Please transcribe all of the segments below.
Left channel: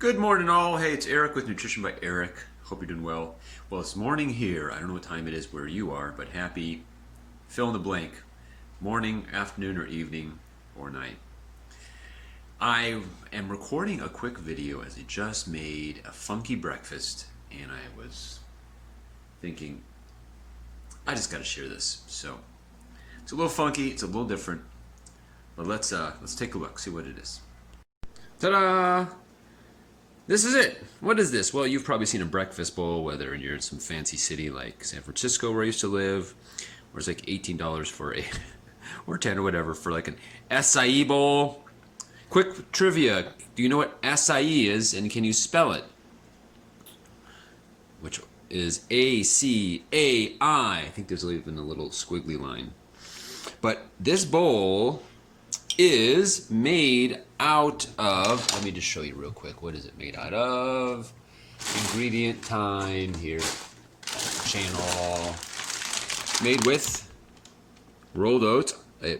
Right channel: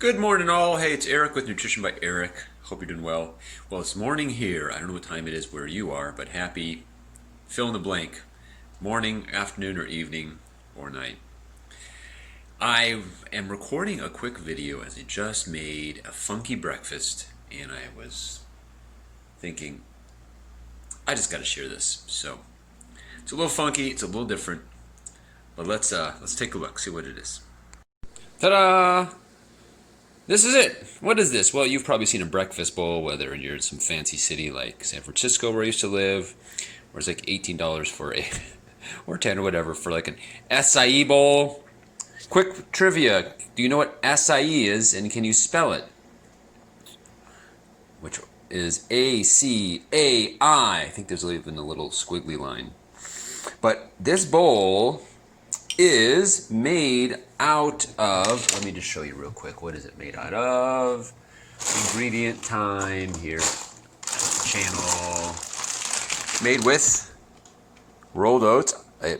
Good morning, all. Hey, it's Eric with Nutrition by Eric. Hope you're doing well. Well, it's morning here. I don't know what time it is where you are, but happy fill in the blank morning, afternoon, or evening, or night. I am recording a quick video as I just made a funky breakfast, and I was thinking, I just got to share this. So it's a little funky, it's a little different, but let's take a look, see what it is. Ta-da! This is it. What is this? Well, you've probably seen a breakfast bowl, whether you're in some fancy city like San Francisco where I used to live, where it's like $18 for a, or 10 or whatever, for like an acai bowl. Quick trivia. Do you know what acai is, and can you spell it? Which is A-C-A-I. I think there's even a little squiggly line. But this bowl is made out of, let me just show you real quick, what is it made out of? Ingredient time here, channel. Made with rolled oats. I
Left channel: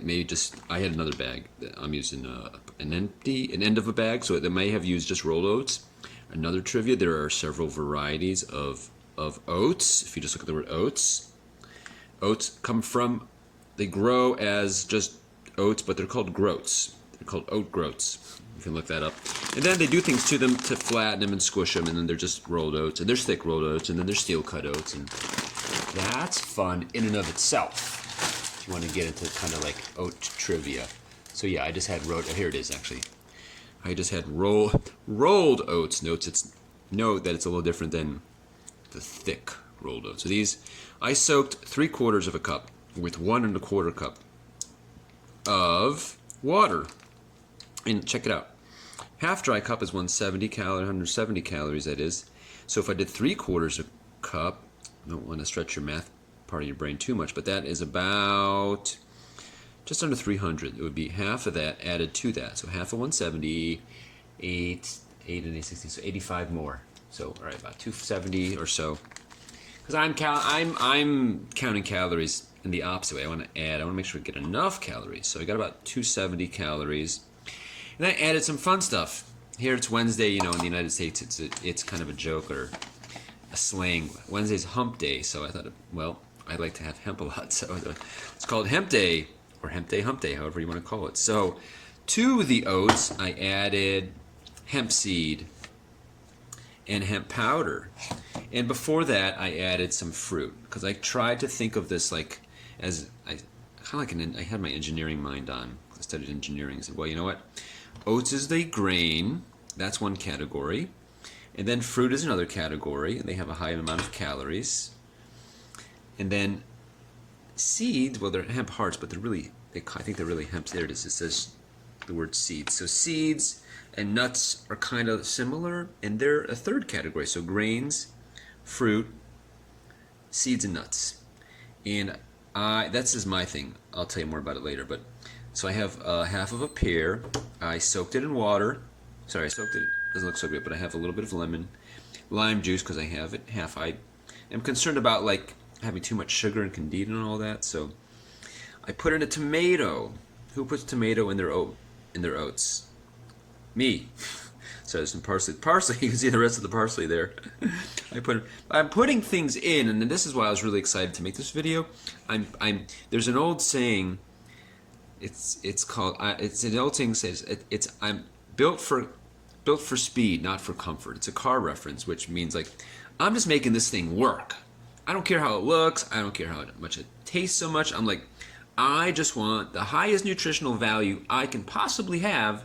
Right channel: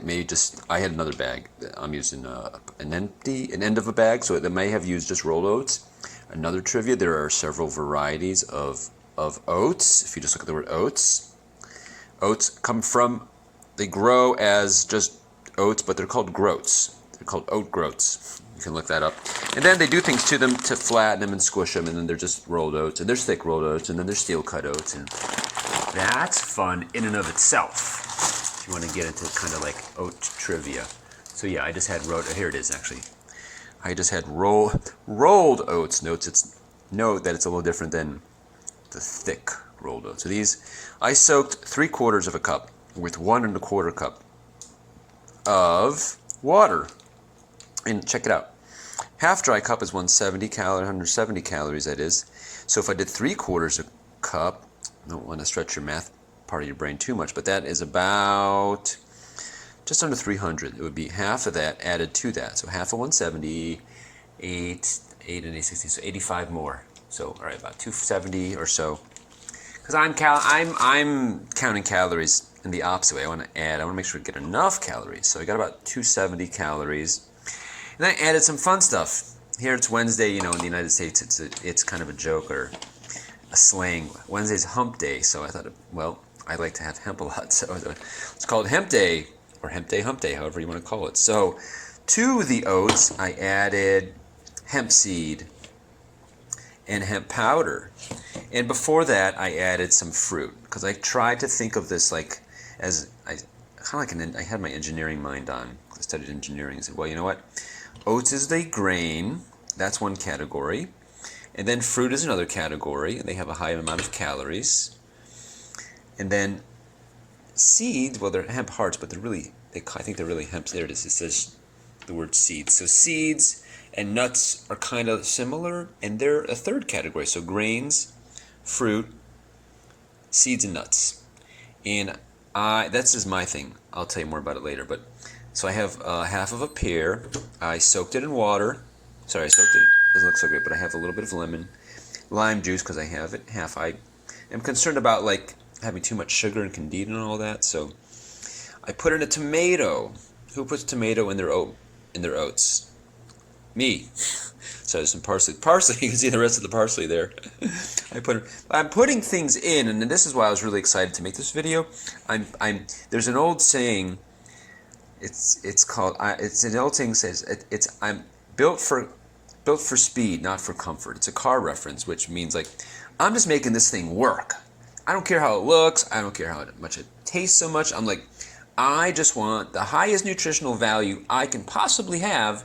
had another bag. I'm using an end of a bag, so it may have used just rolled oats. Another trivia, there are several varieties of oats. If you just look at the word oats, oats they grow as just oats, but they're called groats. They're called oat groats. You can look that up. And then they do things to them to flatten them and squish them, and then they're just rolled oats, and there's thick rolled oats, and then there's steel cut oats, and that's fun in and of itself. If you want to get into kind of like oat trivia. So yeah, I just had here it is actually. I just had rolled oats. Note that it's a little different than the thick rolled oats. So these, I soaked 3/4 of a cup with 1 1/4 cup of water. And check it out. Half dry cup is 170 calories, that is. So if I did 3/4 a cup, I don't want to stretch your math part of your brain too much, but that is about just under 300. It would be half of that added to that. So half of 170, 8 and 8, 16, so 85 more. So all right, about 270 or so. Because I'm counting calories in the opposite way. I want to make sure we get enough calories. So I got about 270 calories. And I added some fun stuff. Here it's Wednesday, you know, in the United States it's kind of a joke or a slang. Wednesday's hump day, so I thought, well, I like to have hemp a lot, so it's called hemp day, or hump day, however you want to call it. So to the oats, I added hemp seed and hemp powder. And before that, I added some fruit, because I tried to think of this like as I had my engineering mind on. I studied engineering. I said, well, you know what? Oats is the grain. That's one category. And then fruit is another category. And they have a high amount of calories. And then seeds, well, they're hemp hearts, but I think they're really hemp. There it is. It says the word seeds. So seeds and nuts are kind of similar, and they're a third category. So grains, fruit, seeds, and nuts. And that's just my thing. I'll tell you more about it later. But so I have half of a pear. I soaked it in water. Sorry, I soaked it. It doesn't look so great, but I have a little bit of lime juice because I have it half. I am concerned about like having too much sugar and candida and all that. So I put in a tomato. Who puts tomato in their oats? Me. So there's some parsley. You can see the rest of the parsley there. I'm putting things in, and this is why I was really excited to make this video. There's an old saying. It's an old saying says I'm built for speed, not for comfort. It's a car reference, which means like I'm just making this thing work. I don't care how it looks. I don't care how much it tastes so much. I'm like, I just want the highest nutritional value I can possibly have.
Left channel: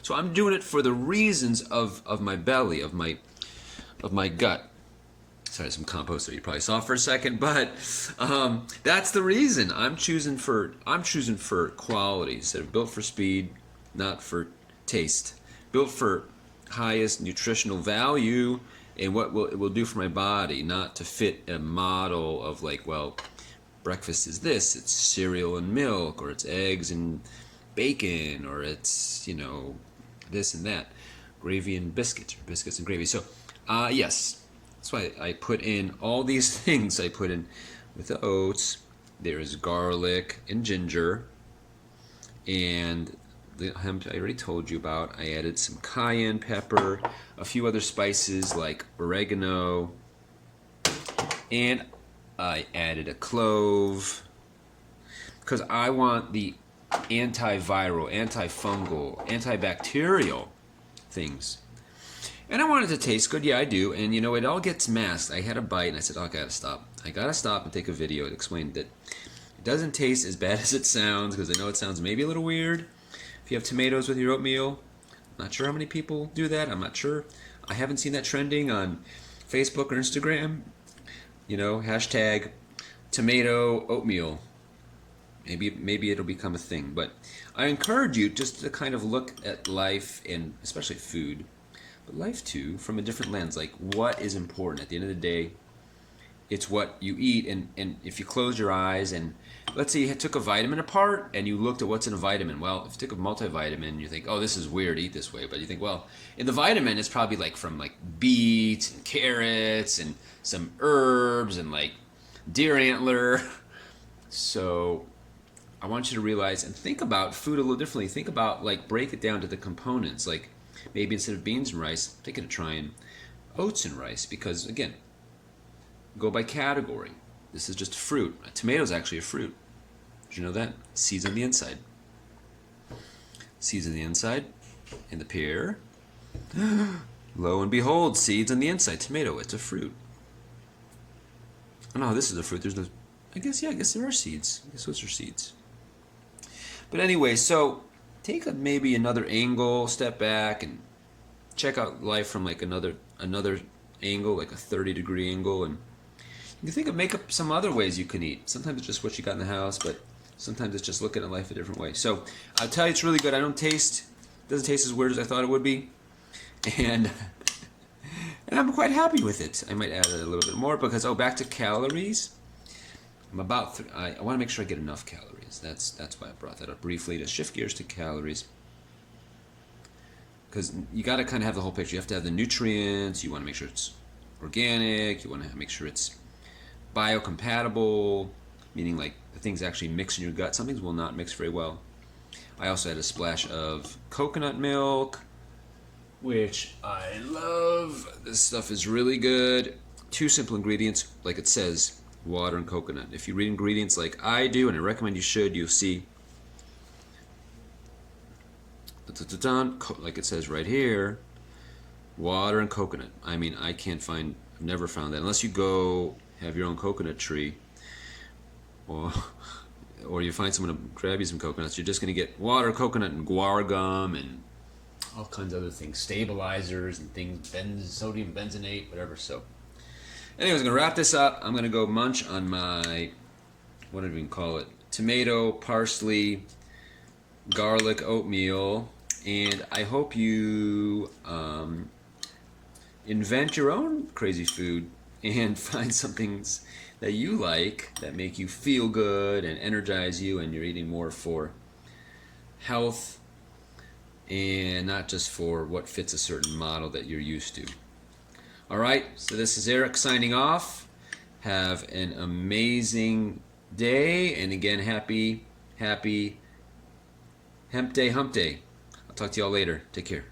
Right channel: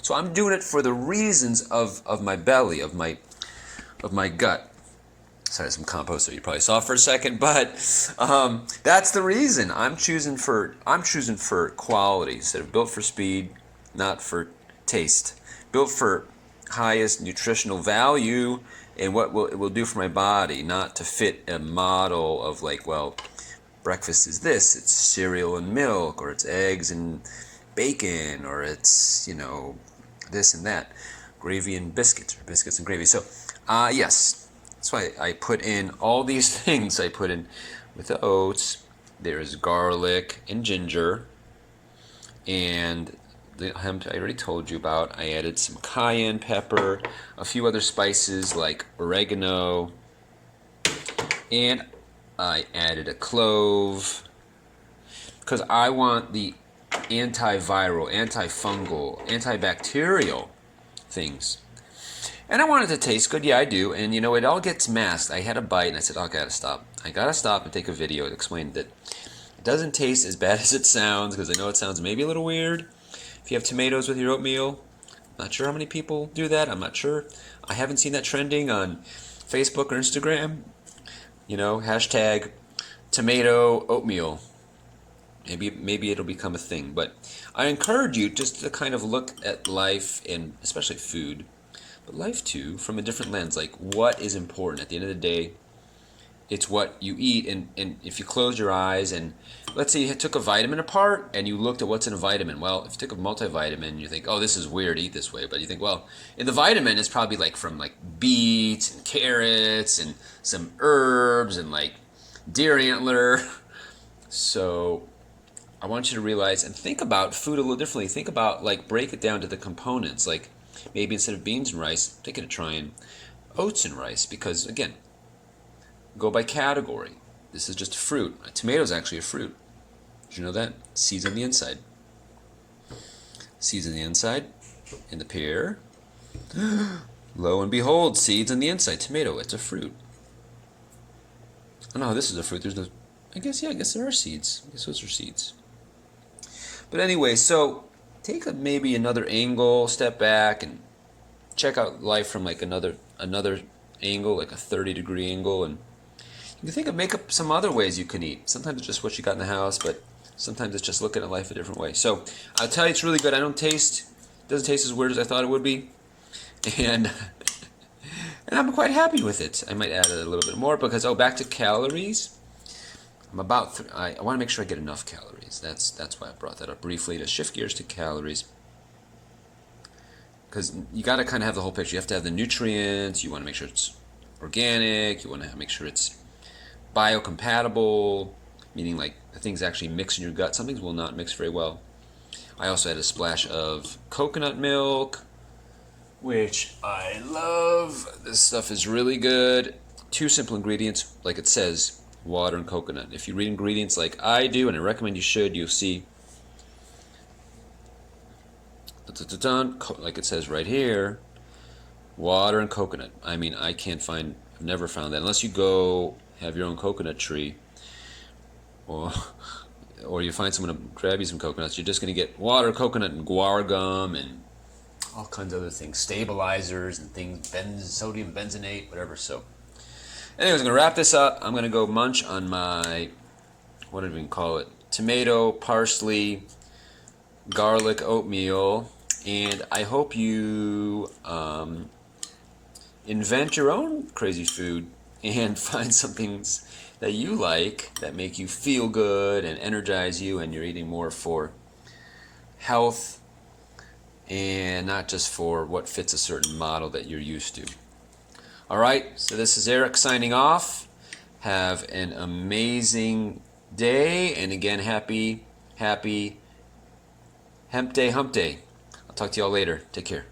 So I'm doing it for the reasons of my belly, of my gut. Sorry, some compost that you probably saw for a second, but that's the reason. I'm choosing for quality instead of built for speed, not for taste. Built for highest nutritional value and what it will do for my body, not to fit a model of like, well, breakfast is this, it's cereal and milk, or it's eggs and bacon, or it's, you know, this and that, gravy and biscuits, or biscuits and gravy. So yes, that's why I put in all these things. I put in with the oats. There is garlic and ginger and the hemp I already told you about. I added some cayenne pepper, a few other spices like oregano, and I added a clove because I want the antiviral, antifungal, antibacterial things. And I want it to taste good. Yeah, I do. And you know, it all gets masked. I had a bite and I said, oh, I gotta stop. I gotta stop and take a video to explain that it doesn't taste as bad as it sounds, because I know it sounds maybe a little weird. If you have tomatoes with your oatmeal, I'm not sure how many people do that. I'm not sure. I haven't seen that trending on Facebook or Instagram. You know, hashtag tomato oatmeal. Maybe it'll become a thing. But I encourage you just to kind of look at life, and especially food, but life too, from a different lens. Like, what is important? At the end of the day, it's what you eat. And if you close your eyes and let's say you took a vitamin apart and you looked at what's in a vitamin. Well, if you took a multivitamin, you think, oh, this is weird to eat this way. But you think, well, in the vitamin, it's probably like from like beets and carrots and some herbs and like deer antler. So I want you to realize and think about food a little differently. Think about, like, break it down to the components. Like, maybe instead of beans and rice, take it a trying oats and rice. Because, again, go by category. This is just a fruit. A tomato is actually a fruit. Did you know that? Seeds on the inside. Seeds on the inside. And the pear. Lo and behold, seeds on the inside. Tomato, it's a fruit. Oh no, this is a fruit. There's no... I guess there are seeds. I guess those are seeds. But anyway, so take maybe another angle, step back, and check out life from like another angle, like a 30-degree angle, and you can make up some other ways you can eat. Sometimes it's just what you got in the house, but sometimes it's just looking at life a different way. So I'll tell you, it's really good. It doesn't taste as weird as I thought it would be, and I'm quite happy with it. I might add a little bit more because back to calories. I want to make sure I get enough calories. That's why I brought that up briefly, to shift gears to calories. Because you got to kind of have the whole picture. You have to have the nutrients. You want to make sure it's organic. You want to make sure it's biocompatible, meaning like the things actually mix in your gut. Some things will not mix very well. I also had a splash of coconut milk, which I love. This stuff is really good. 2 simple ingredients, like it says, water and coconut. If you read ingredients like I do, and I recommend you should, you'll see, like it says right here, water and coconut. I mean, I've never found that, unless you go have your own coconut tree, or you find someone to grab you some coconuts. You're just going to get water, coconut, and guar gum, and all kinds of other things, stabilizers and things, sodium benzenate, whatever. So anyways, I'm going to wrap this up. I'm going to go munch on my, what did we call it, tomato, parsley, garlic oatmeal. And I hope you invent your own crazy food and find some things that you like that make you feel good and energize you, and you're eating more for health and not just for what fits a certain model that you're used to. All right, so this is Eric signing off. Have an amazing day, and again, happy Hemp Day, Hump Day. I'll talk to y'all later. Take care.